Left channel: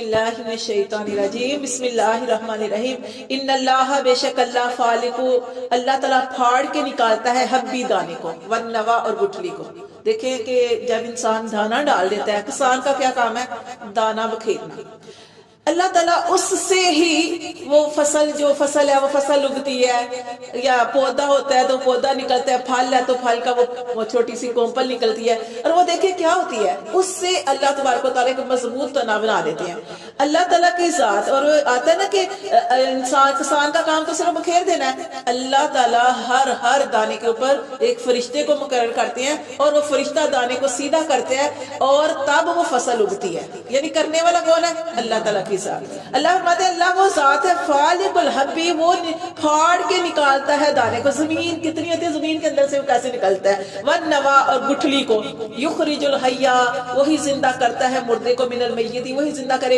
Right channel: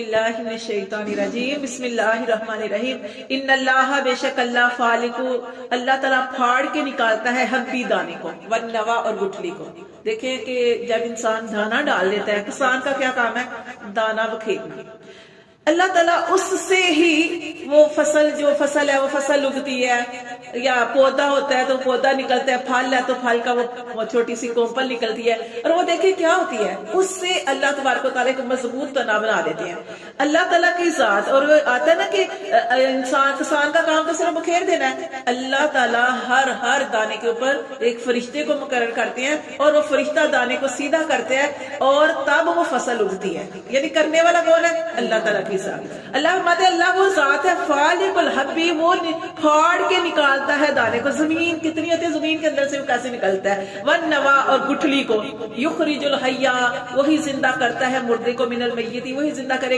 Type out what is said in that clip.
اللہ من الشیطان الرجیم بسم اللہ الرحمن الرحیم ان اللہ بے شک اللہ فالق اللہ تعالیٰ پھاڑ کے نکالتا ہے حبی دانے کو والنوا اور گٹھلی کو. دیکھیں کہ جب انسان دانا ڈال دیتا ہے، کسان کا کیا کام ہے؟ دانا بکھیرنا. اللہ تعالیٰ اس سے ہی وہ فصل جو فصل ہے وہ فصل اگتی ہے، یا پودا ہوتا ہے تو پودا نکلتا ہے، پھل ہے تو پھل کا وہ چھوٹی سی کومپل نکلتی ہے، اور وہ دیکھیں کیا ہوتی ہے، اس سے اللہ تبارک و تعالیٰ کو مضبوط تنا بنا دیتے ہیں. اللہ تعالیٰ کی ذات. اور وہ آتا ہے نا کہ کسان کا کام تو صرف بکھیر دینا ہے. اللہ تعالیٰ ہر دانے کے اوپر ایک فرشتے کو مقرر کرتے ہیں، اور وہ فرشتہ دانے کو سیدھا کرتے ہیں، اور تب وہ فصل اگتی ہے. یعنی کرنے والا کون ہے؟ اللہ تعالیٰ کی ذات. اللہ فرماتے ہیں اللہ وہ ذات ہے فالق الحبی، وہ پھاڑ کے نکالتا ہے دانے کو. زمین کتنی ہوتی ہے، زمین کے اندر سے وہ کیسے نکلتا ہے. والنوا اور گٹھلی کو. یخرج الحی، وہی زندہ کرتا ہے مردے کو، من المیت، وہی زندہ کرے